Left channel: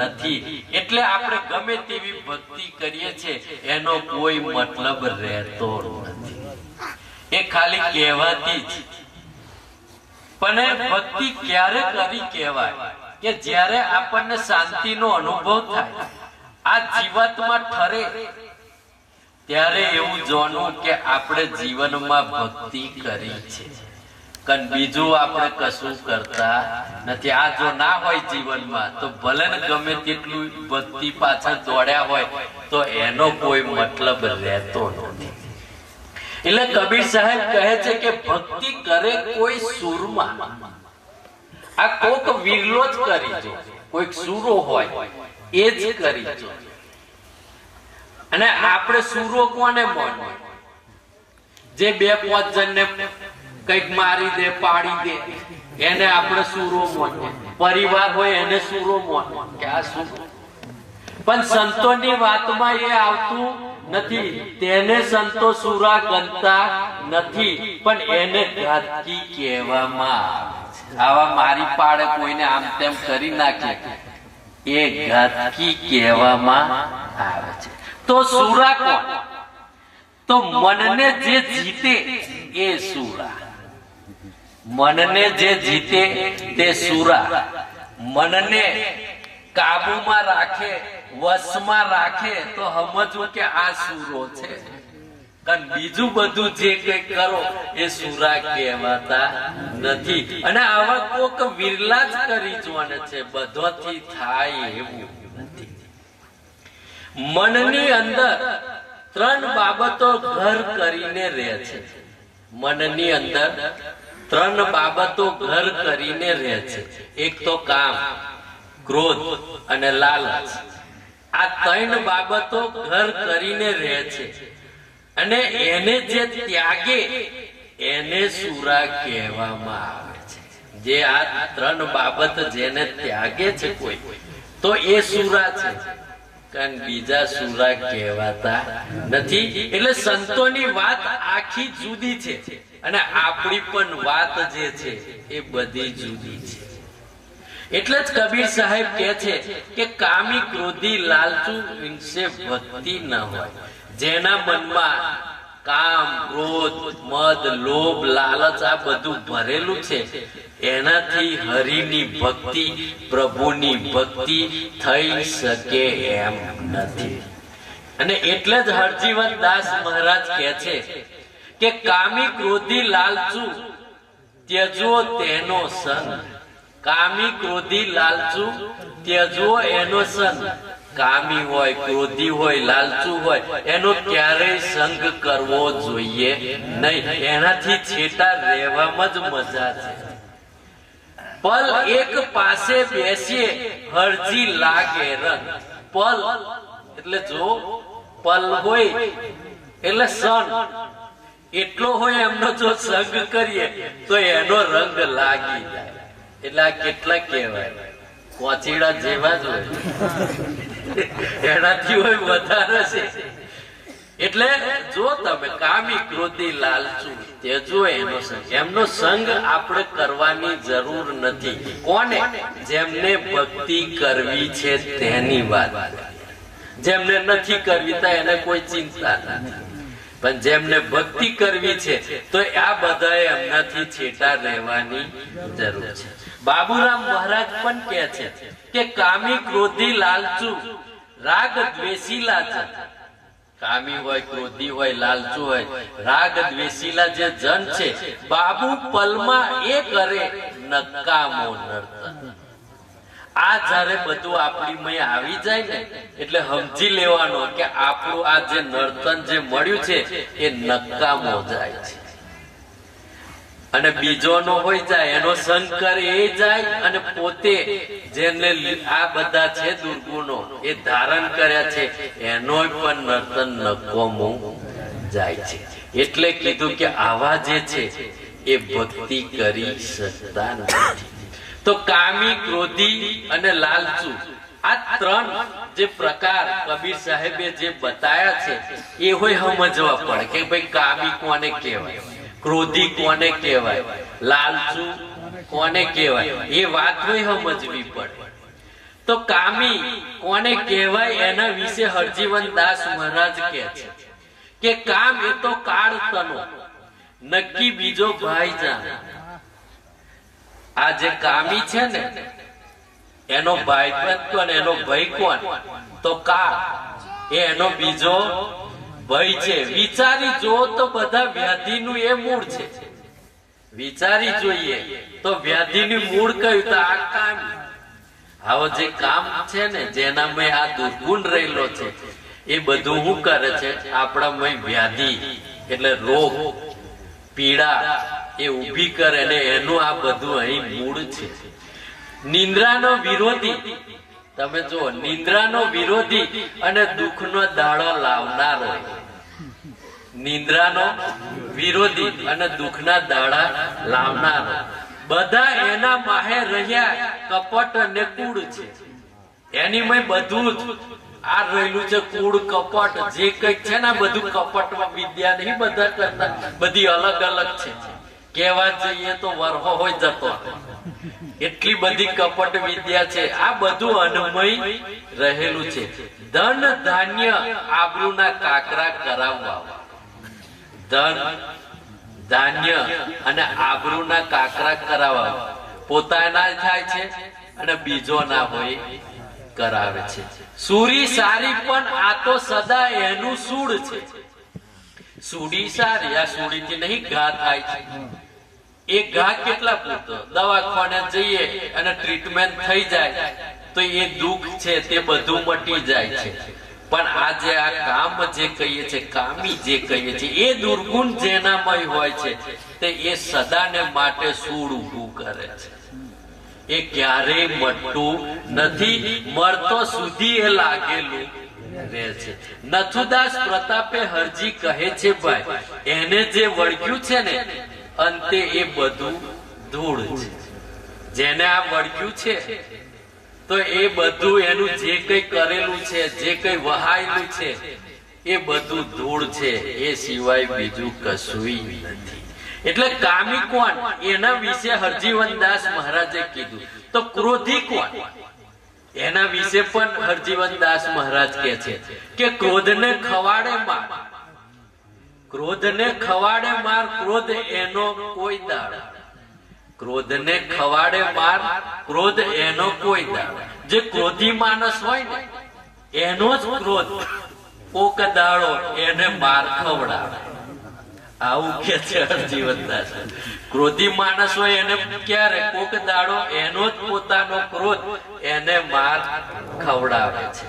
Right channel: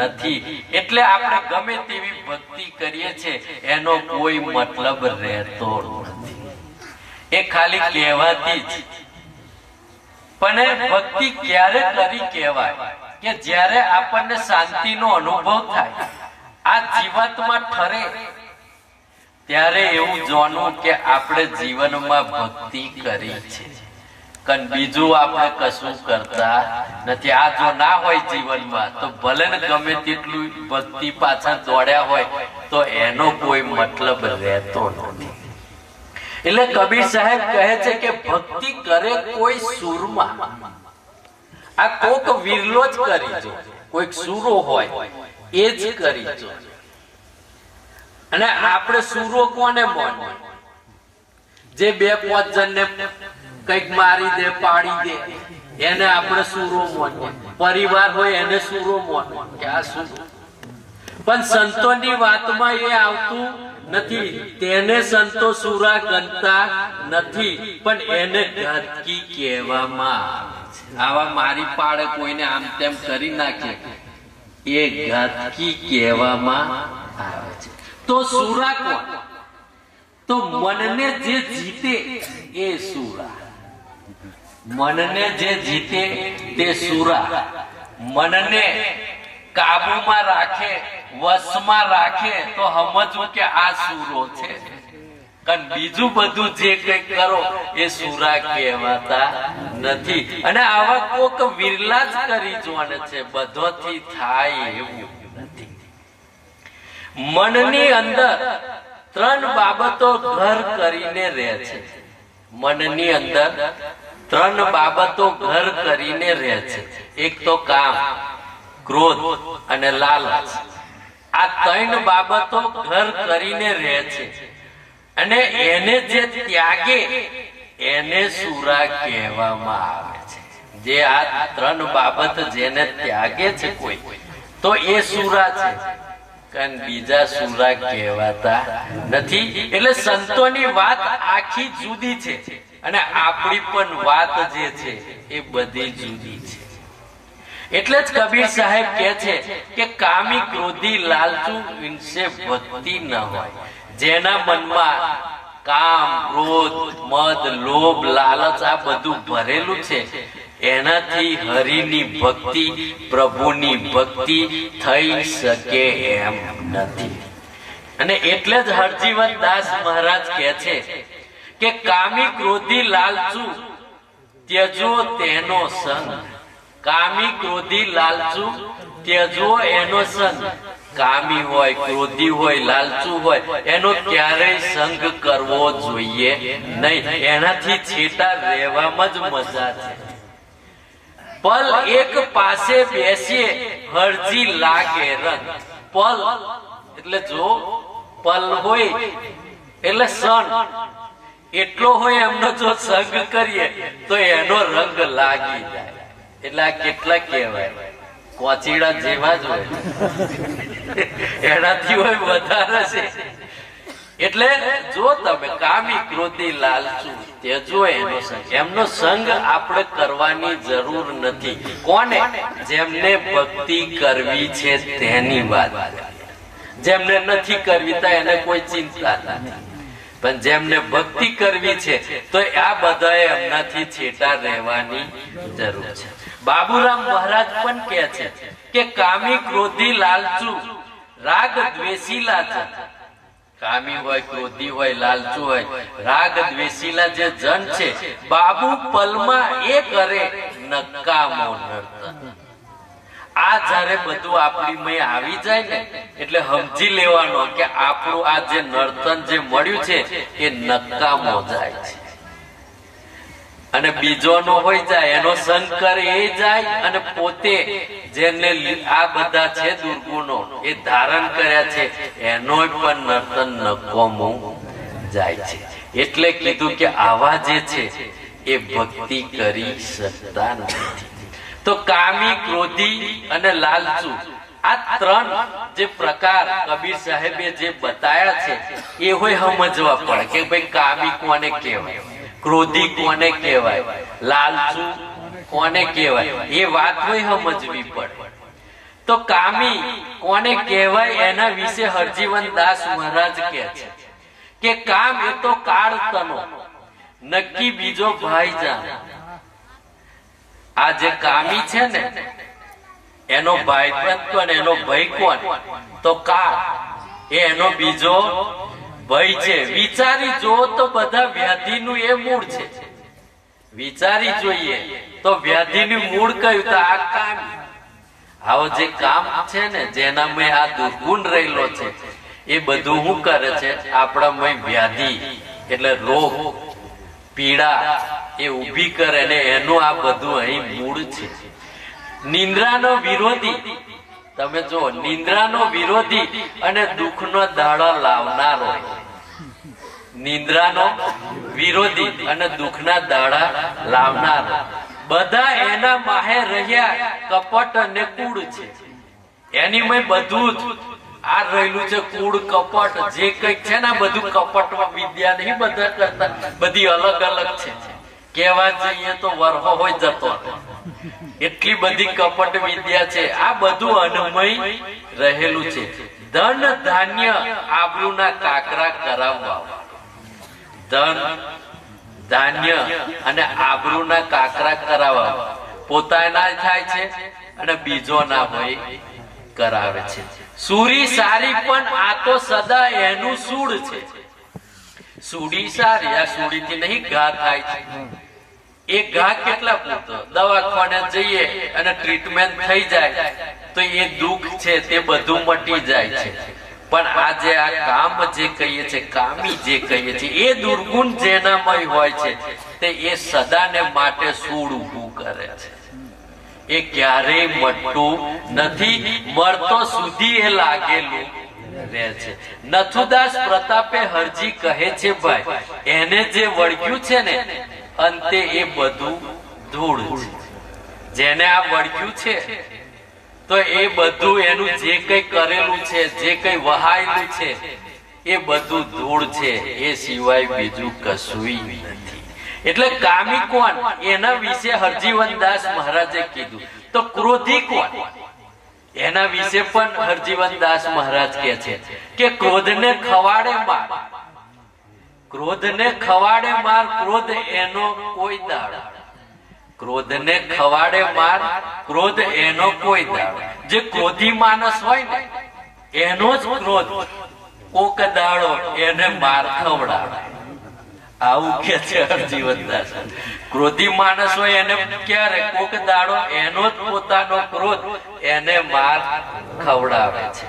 નથી. એટલે આપણે ગમે તેવી ભક્તિ કરીએ છીએ એનો કોઈ મતલબ રહેતો નથી, એ ખાલી કહેવાતી જ. પણ ભક્તિ ક્યારે કરી કહેવાય કે જ્યારે આપણને શાંતિનો અનુભવ થાય, આ જીવાતમાં ઠરે, ત્યારે એવું જાણવું કે આપણે જીવનમાં ભક્તિ કરી છે. કારણ બીજું આપણે કશું કરતા નથી. આ જો ના હોય જીવનમાં તો ભલે ને ગમે તેટલું ભક્તિ પાછળ દોડ્યા હોય તો એનો કોઈ મતલબ રહેતો નથી. એટલે કબીર સાહેબ કહે છે કે ભક્તિ કરે કોઈ સુરમાં, આ કોક વિરલો જ કરી જો, કોઈક સુરો હોય એ જ કરી જો. અને આપણે સુરો કોને માનીએ? જે 2-5 જણને કઈક મારી દે, પાડી દે, એને આપણે સુરો માનીએ. પરિવાર હોય એને સુરો માનીએ કે આ સુરો. પણ સંતોની વાતમાં એ આવતું નથી. તેને સંતો સુરા ગણતા નથી, પણ એને ઘાતકી કહેવામાં આવે છે. આવા મારી પાડે કોઈને આમ તેમ કરી નાખે એ ઘાતકી કહેવામાં આવે છે. તો સુરા કોણ? તો મનને જે જીતે એ સુરા. મનને જે જીતે તે સુરા. મનને કાબુમાં રાખે, વશમાં રાખે તો સમજવું કે આ સુરો છે. કારણ બીજું બધું જે કઈ કરો એ સુરા કહેવાતા નથી. અને આવા કોક વિરલા જ કરી જોવાને છે, બધોથી થાય એવું નથી. મનની અંદર 3 બાબતો ઘર કરીને રહે છે. મનની અંદર 3 બાબતો ઘર કરીને રહે છે. એક તો કામ, ક્રોધ અને લાલચ. આ 3 બાબતો ઘર કરીને રહે છે. અને એને જે ત્યાગે એને સુરા કહેવામાં આવે છે. જે આ 3 બાબત જેને ત્યાગે છે કોઈ, તો એ સુરા છે. કારણ બીજા સુરા કહેવાતા નથી. એટલે સંતોની વાત આખી જુદી છે અને આપણી પણ વાત જે છે એ બધી જુદી છે. એટલે જ કબીર સાહેબ કહે છે કે કામી, ક્રોધી, લાલચુ વિશે ભક્તિ ન હોય. જેના મનમાં કામ, ક્રોધ, મદ, લોભ, લાલચ આ બધું ભરેલું છે, એનાથી હરિની ભક્તિ, પ્રભુની ભક્તિ થઈ શકે એમ નથી. અને એટલે જ હરજીવન દાસ મહારાજ કહે છે કે કામી, ક્રોધી, લાલચુ ત્યજો તેનો સંગ. કામી, ક્રોધી, લાલચુ ત્યજો એનો સંગ. કામી હોય, ક્રોધી હોય, લાલચુ હોય, એનો ક્યારેય સંગ કરવો જોઈએ નહીં. એનાથી છેટા રહેવામાં જ મજા છે. પલ એક પાસે બેસીએ હરજી લાગે રંગ. પલ એટલે જો પલ હોય એટલે સન એટલો હોય એમનો જો સંગ કરીએ તો એનો રંગ લાગી જાય. એટલે આ કેટલા કહેવાય, કોચીડા જેવા જ હોય, એનાથી હોય વધારે છે. એટલે જો તમે કામી, ક્રોધી, લાલચુ તેજો એનો સંગ. એમનો સંગ આપણે કરવાની જરૂર નથી. કોને? જેમને ભક્તિ કરવી છે તેની વાત. જેમને નથી કરવી તો એને કોઈ ચિંતા નથી. પણ જેમને ભક્તિ કરવી છે તો આ બધાએ એમનાથી છેટા રહેવાની જરૂર છે. બાબુરામ મહારાજ પણ કહે છે કે કામી, ક્રોધી, લાલચુ રાગ દ્વેષીલા છે. કામી હોય, ક્રોધી હોય, લાલચુ હોય, રાગ દ્વેષીલા જે જન છે, બાબુ પલમાં એ કરે નકામો નર્તન. આ જયારે બધું આપણી મય આવી જાય ને એટલે સમજી લેવાનો કે આપણું આ જે નર્તન જે મળ્યું છે એ નકામો જાય છે. અને બીજોનો હોય જાય, એનો સંગ કરે એ જાય, અને પોતે જેને આ બધા છે દુર્ગુણો એ ધારણ કર્યા છે એનો પણ નર્તન નકામું જાય છે. એટલે કીધું કે આવા જે છે એ ભક્તિ કરી શકતા નથી. તો કામી, ક્રોધી અને લાલચુ આ 3 જે પ્રકાર કબીર સાહેબે જે બતાયા છે એ હોય સમજવા પડે કે ભાઈ કામી કોને કહેવાય, ક્રોધી કોને કહેવાય, લાલચુ કોને કહેવાય, એ વાત હોય સમજવી પડે. તો તો કામી કોને કહેવાય એના વિશે હરજીવન દાસ મહારાજ કહે છે કે કામ એ તો કાળ તનો નક્કી બીજો ભાઈ જાણે. આ જે કામી છે ને એનો ભાઈ કોણ, એનો ભાઈ કોણ? તો કાળ એ એનો બીજો ભાઈ છે. વિચારી જો તો બધા વ્યાધિનું એ મૂળ છે. વિચારી જોઈએ તો વ્યાધિનું મૂળ કયું? તો આ કામી. આવો જે કામ છે ને જેનામાં આ દુર્ગુણ રહેલો છે એ બધું શું કરે છે? આપણામાં વ્યાધિ એટલે રોગ પીડા એ ઉભી કરે ને એનું આ બધું અહીં મૂળ છે. નિંદ્રાનો વિરોધી, તમે જો નિંદ્રાનો વિરોધી અને દુઃખનો દાડો લાવનારો, નિંદ્રાનો વિરોધી અને દુઃખના દાડા લાવનારો, બધા એના માહે રહ્યા કપટ અને કૂડ છે. એની માં બધું જ આ રહેલું છે. કૂડ કપટ જે કઈક છે ને બધું કપટ વિદ્યા નહીં બધા કરતા, બધી અલગ અલગ છે. કેવા જઈએ તો વરહો હોય જતો, એટલી બધી કપટ વિદ્યા છે. આ બધું અન્મય રહેલું છે. ધન ધાન્ય આબરૂના કાકરા કરાવવા, ધન ધાન્ય અને આબરૂના કાકરા કરાવવા પોતાના થાય છે અને બીજો ના હોય કરાવે છે. સુરી સારી પણ આ તો સદા એનું સૂળ છે. સુડી સારી, આ સુડી થી નહીં ઘા થાય છે. એ ઘા કેટલા પૂરતો? દવાખાને જઈએ અને ટ્રીટમેન્ટ થઈ જાય તો એ દુઃખ છે તે બધું મટી જાય છે. પણ આજે આ કામ જે કહીએ છીએ, કામી જે કહીએ છીએ, એ દુર્ગુણ જેનામય હોય છે તે એ સદાને માટે સૂળ ઊભું કરે છે. એ ક્યારેય મટતું નથી. મળતો સુધી એ લાગેલું રહે છે. નથુદાસ પ્રતાપે હરજી કહે છે ભાઈ એને જે વળગ્યું છે ને અંતે એ બધું ધૂળ છે. જેને આ વળગ્યું છે તો એ બધું એનું જે કઈ કરેલું છે, જે કઈ વહાયેલું છે એ બધું ધૂળ છે. એ સિવાય બીજું કશું નથી. એટલે કામી કોણ એના વિશે હરજીવનદાસ મહારાજે કીધું. તો ક્રોધી કોણ એના વિશે પણ હરજીવનદાસ મહારાજ કહે છે કે ક્રોધને ખવાડે માર, ક્રોધને ખવાડે માર, ક્રોધ એનો કોઈ દાડો, ક્રોધને ખવાડે માર, ક્રોધ એનો કોઈ દાડો. જે ક્રોધી માણસ હોય ને એનો જ ક્રોધ કોક દાડો એને માર ખવડાવે. આવું કે છે હરજીવનદાસ. ક્રોધી માણસ હોય એને ક્યારે કોક દાડો એનો જ પોતાનો ક્રોધ એને માર ખવડાવે છે.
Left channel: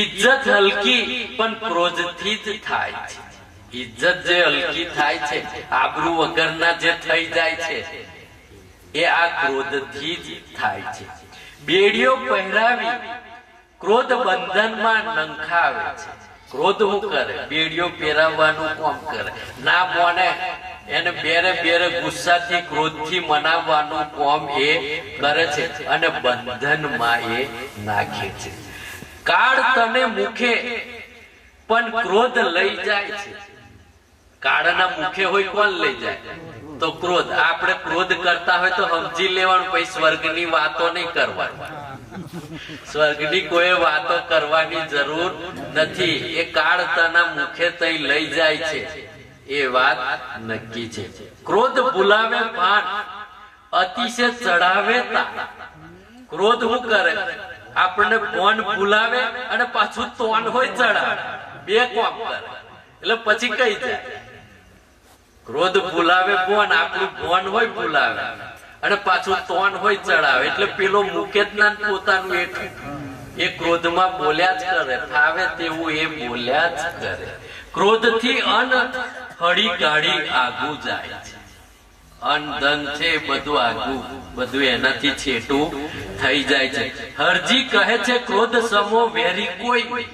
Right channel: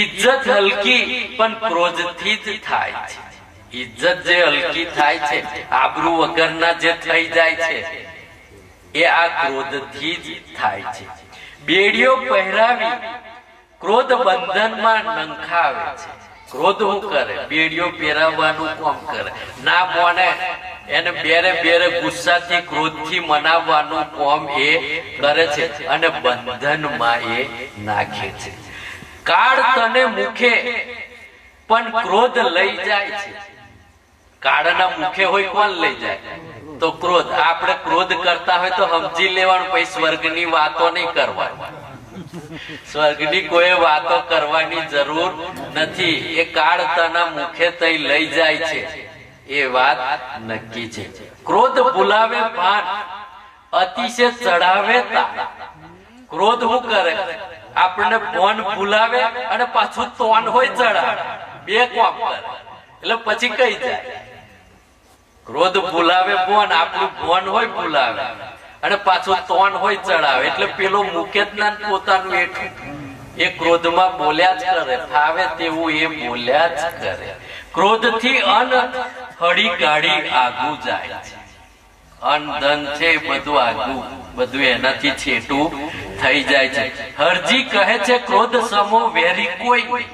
ઇજ્જત હલકી પણ ક્રોધથી જ થાય છે. ઇજ્જત જે હલકી થાય છે, આબરૂ વગરના જે થઈ જાય છે એ આ ક્રોધથી જ થાય છે. બેડીઓ પહેરાવી ક્રોધ બંધનમાં નંખાવે છે. ક્રોધ શું કરે? બેડીઓ પહેરાવવાનું કામ કરે. ના બોને એને બેરે બેરે ગુસ્સાથી ક્રોધથી મનાવવાનું કામ એ કરે છે અને બંધનમાં એ નાખે છે. કાળ તને મુખે પણ ક્રોધ લઈ જાય છે. કાળના મુખે હોય કોણ લઈ જાય? તો ક્રોધ. આપણે ક્રોધ કરતા હોય તો સમજી લેવાનું, પછી સ્વર્ગની વાતો નહીં કરવાની. સ્વર્ગની કોઈ વાતો કરવાની જરૂર નથી. એ કાળ તના મુખે તઈ લઈ જાય છે એ વાત નક્કી છે. ક્રોધ ભૂલાવે ભાન, અતિશય ચડાવે તાણ. ક્રોધ શું કરે? આપણને ભોન ભૂલાવે અને પાછું તોન હોય ચડાવે. બે કામ કરે એટલે પછી કઈ જાય. ક્રોધ ભૂલાવે ભોન, આપણું ભોન હોય ભૂલાવે અને પાછું તોન હોય ચડાવે. એટલે પેલો મૂકે જ ના પોતાનું એઠું. એ ક્રોધમાં બોલ્યા જ કરે, ફાવે તેવું એ બોલ્યા જ કરે. ક્રોધથી અન હળી કાઢી આગું જાય છે. અન ધન છે બધું આગું, બધું એનાથી છેટું થઈ જાય છે. હરજી કહે છે ક્રોધ સમો વેરી કોઈ નહીં.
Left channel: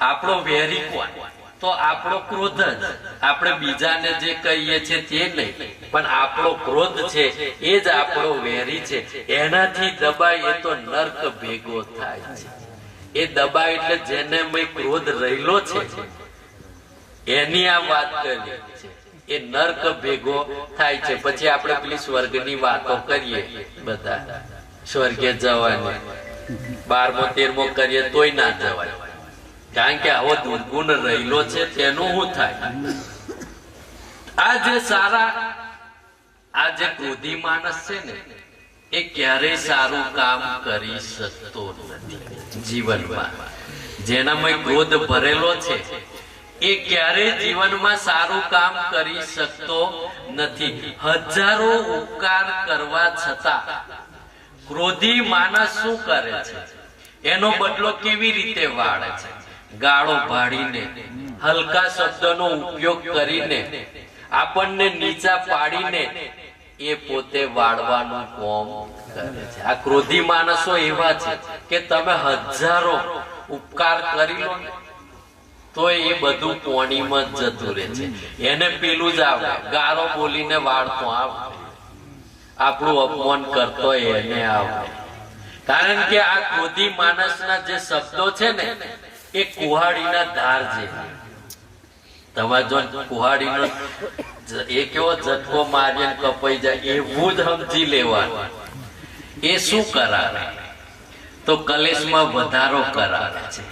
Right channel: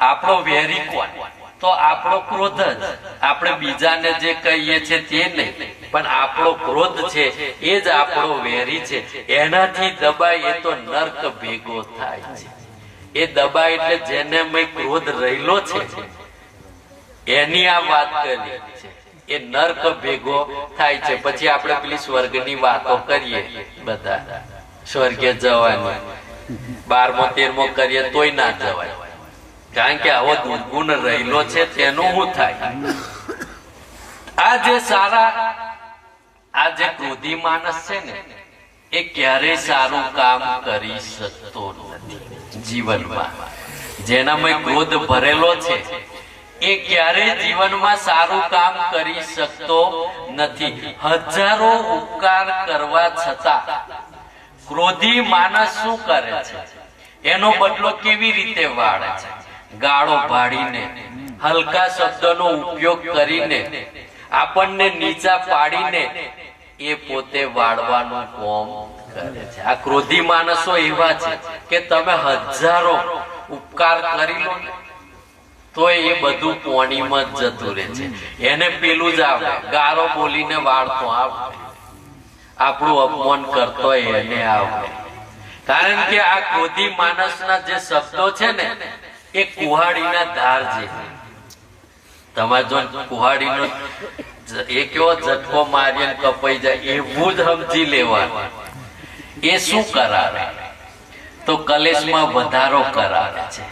આપણો વેરી કોણ? તો આપણો ક્રોધ જ. આપણે બીજાને જે કહીએ છીએ તે નહીં, પણ આપણો ક્રોધ છે એ જ આપણો વેરી છે. એનાથી દબાય એ તો નર્ક ભેગો થાય છે. એ દબાય એટલે જેને મેં ક્રોધ રહેલો છે એની આ વાત કરી છે. એ નર્ક ભેગો થાય છે. પછી આપણે પેલી સ્વર્ગની વાતો કરીએ બધા, સ્વર્ગે જવાની, 12મો 13મો કરીએ તોય ના જવાય, કારણ કે આવો દુર્ગુણ રહેલો છે તેનું શું થાય? આ જે સારા, આ જે ક્રોધી માણસ છે ને, એ ક્યારેય સારું કામ કરી શકતો નથી જીવનમાં. જેનામાં ક્રોધ ભરેલો છે એ ક્યારેય જીવનમાં સારું કામ કરી શકતો નથી. હજારો ઉપકાર કરવા છતાં ક્રોધી માણસ શું કરે છે? એનો બદલો કેવી રીતે વાળે છે? ગાળો ભાડીને, હલકા શબ્દનો ઉપયોગ કરીને, આપણને નીચા પાડીને એ પોતે વાળવાનું કામ કરે છે. આ ક્રોધી માણસો એવા છે કે તમે હજારો ઉપકાર કરી લો તો એ બધું પાણીમાં જ જતું રહે છે. એને પેલું જ આવે, ગારો બોલીને વાળતો આવે, આપણું અપમાન કરતો એને આવે. કારણ કે આ ક્રોધી માણસના જે શબ્દો છે ને એ કુહાડીના ધાર છે. તમારે જો કુહાડીનો એ કેવો ઝટકો મારીને કપાઈ જાય એવું જ સમજી લેવાનું. એ શું કરાવે? તો કલેશમાં વધારો કરાવે છે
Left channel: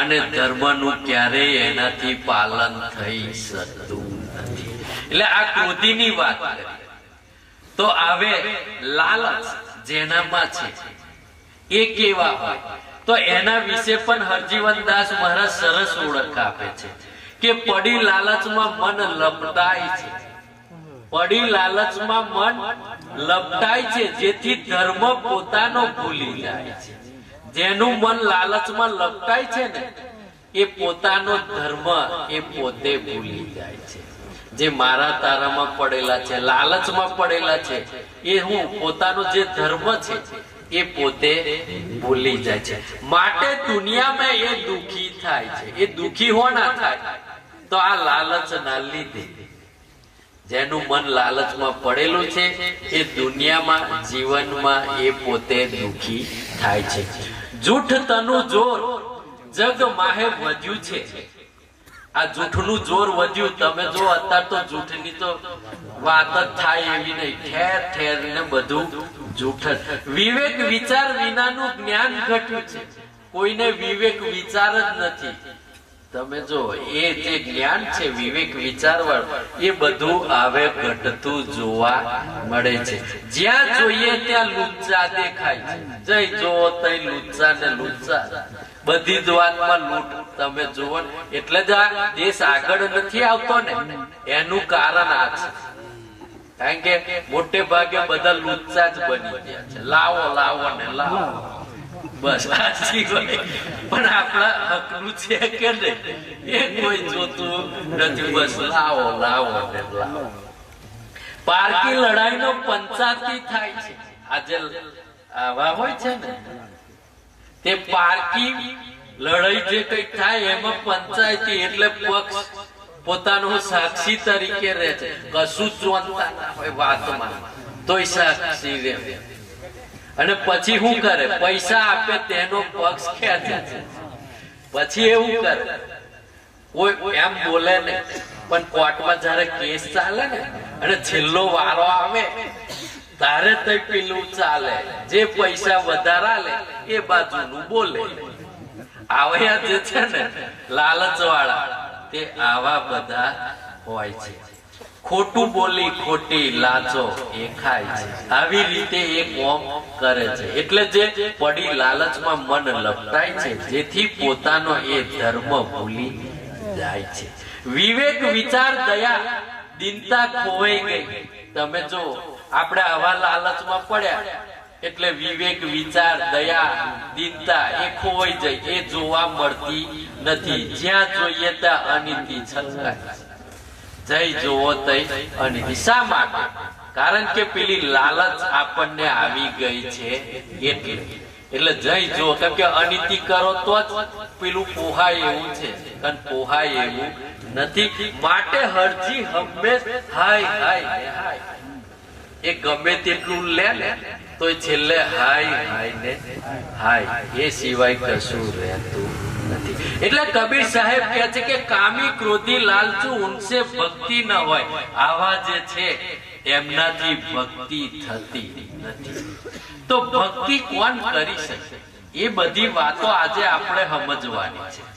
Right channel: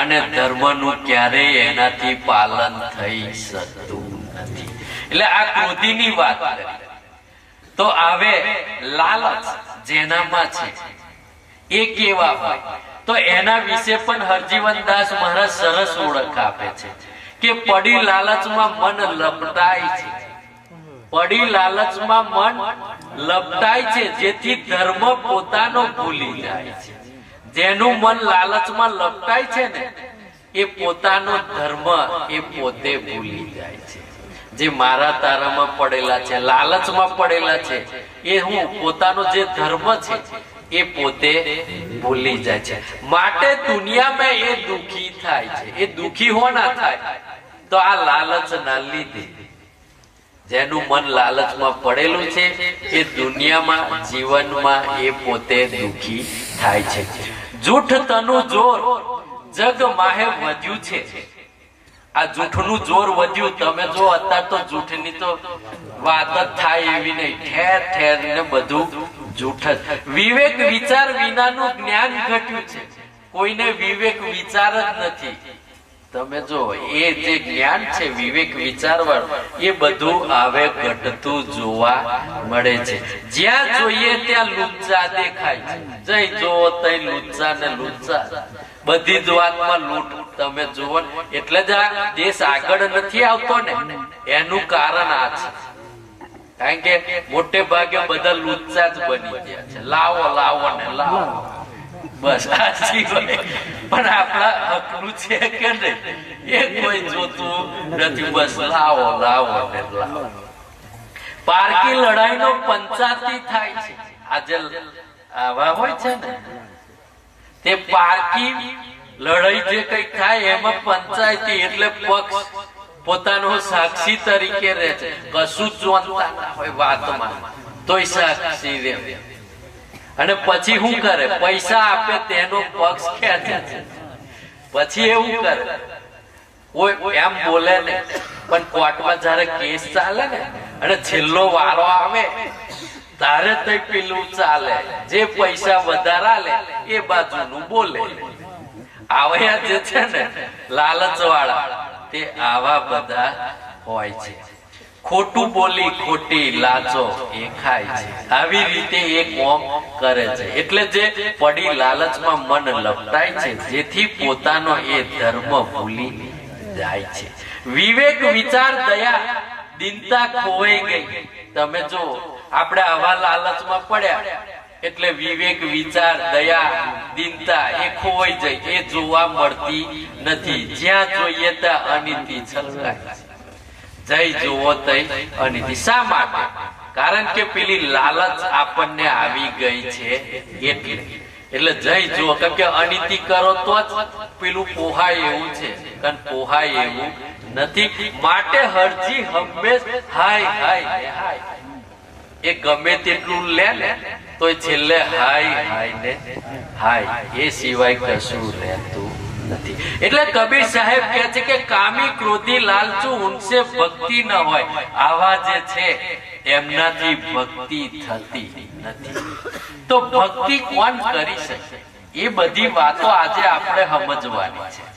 અને ધર્મનું ક્યારેય એનાથી પાલન થઈ શકતું નથી. એટલે આ ક્રોધીની વાત કરી. તો આવે લાલચ જેનામાં છે એ કેવા હોય? તો એના વિશે પણ હરજીવનદાસ મહારાજ સરસ ઓળખ આપે છે કે પડી લાલચમાં મન લપટાય છે. પડી લાલચમાં મન લપટાય છે, જેથી ધર્મ પોતાનો ભૂલી જાય છે. જેનું મન લાલચમાં લપટાય છે ને એ પોતાનો ધર્મ એ પોતે ભૂલી જાય છે. જે મારા તારામાં પડેલા છે, લાલચમાં પડેલા છે, એ હું પોતાનો જે ધર્મ છે એ પોતે ભૂલી જાય છે. માટે દુનિયામાં એ દુખી થાય છે. એ દુખી હોના થાય તો આ લાલચ ના લીધે. જેનું મન લાલચમાં પડેલું છે એ દુનિયામાં, જીવનમાં એ પોતે દુખી થાય છે. જૂઠ તનું જોર જગ માહે વધ્યું છે. આ જૂઠનું જોર વધ્યું. તમે જો અત્યારે તો જૂઠની તો વાત જ થાય એવી નહીં. ઠેર ઠેર ને બધું જૂઠ જ. વિવેક વિચાર વિનાનું જ્ઞાન ઘટ્યું છે. કોઈને વિવેક વિચાર જ નથી. તમે જો એ જે જ્ઞાન છે વિવેક વિચારવા, એ બધું આવે ઘટતું જોવા મળે છે. જ્યાં જોઈએ ત્યાં લુચ્ચા દેખાય છે. જઈ જો તઈ લુચ્ચા ને લુચ્ચા, બધી જ વાતમાં લૂંટ. તમે જુઓ એટલે જ આ દેશ આગળ નથી આવતો ને એનું કારણ આ છે. કારણ કે મોટે ભાગે બધા લુચ્ચા જ બની ગયા છે. લાવો લાવો ને લાવો, બસ આ સિવાય પણ આપણા હકનું છે કે નહીં એ કોઈ જોતું નથી. બસ લાવો લાવો ને લાવો. પારકી લડાઈનો પંચાયતી થાય છે. આજે આવા હોય છે ને તે પારકી લડાઈ જે કઈક થાય એમાં પંચાયતી એટલે પક્ષ પોતાનો સાક્ષી તરીકે રહે છે. કશું જ જોતા ના હોય વાતમાં તોય સાક્ષી રહે. અને પછી શું કરે? પૈસા આપે તેનો પક્ષ ખેંચે છે. પછી એવું કરે, કોઈ એમ બોલે ને પણ કોર્ટમાં જયારે કેસ ચાલે ને અને છેલ્લો વારો આવે તારે તો પેલું ચાલે, જે પૈસા વધારા લે એ બાજુનું બોલે. આવા જે છે ને લાલચ વાળા તે આવા બધા હોય છે. ખોટું બોલી ખોટી લાચો એ ખાય છે. આવી રીતે એ કોમ કરે છે. એટલે જે પડી લાલચમાં મન લપટાય છે, જેથી પોતાનો એ ધર્મ ભૂલી જાય છે. વિવેક વિચાર દયા દીનતા ખોવાઈ ગઈ. તમે જો આપણે આવા લાલચમાં પડ્યા એટલે વિવેક વિચાર દયા દીનતા એ ખોવાઈ જાય. એ જોવા મળતી નથી. જ્યાં જોઈએ ત્યાં અનિતિ છલકાય. જય જોવો તઈ અનિતિ. શા માટે? કારણ કે પેલી લાલચ આપણને આવી ગઈ છે એટલે જય જુઓ. કેમ કે અનિતિ કરો તો જ પેલું પોહાય એવું છે, અને પોહાય એવું નથી. માટે હરજી હંમેશ હાય હાય હાય. એ ગમે તેટલું લે ને તો છેલ્લે હાય હાય ને હાય, એ સિવાય કશું રહેતું નથી. એટલે કબીર સાહેબ કહે છે કે કામી ક્રોધી લાલચુ ઉનસે ભક્તિ ન હોય. આવા જે છે એમનાથી ભક્તિ થતી નથી. તો ભક્તિ કોણ કરી શકે? એ બધી વાતો આજે આપણે સમજવાની છે.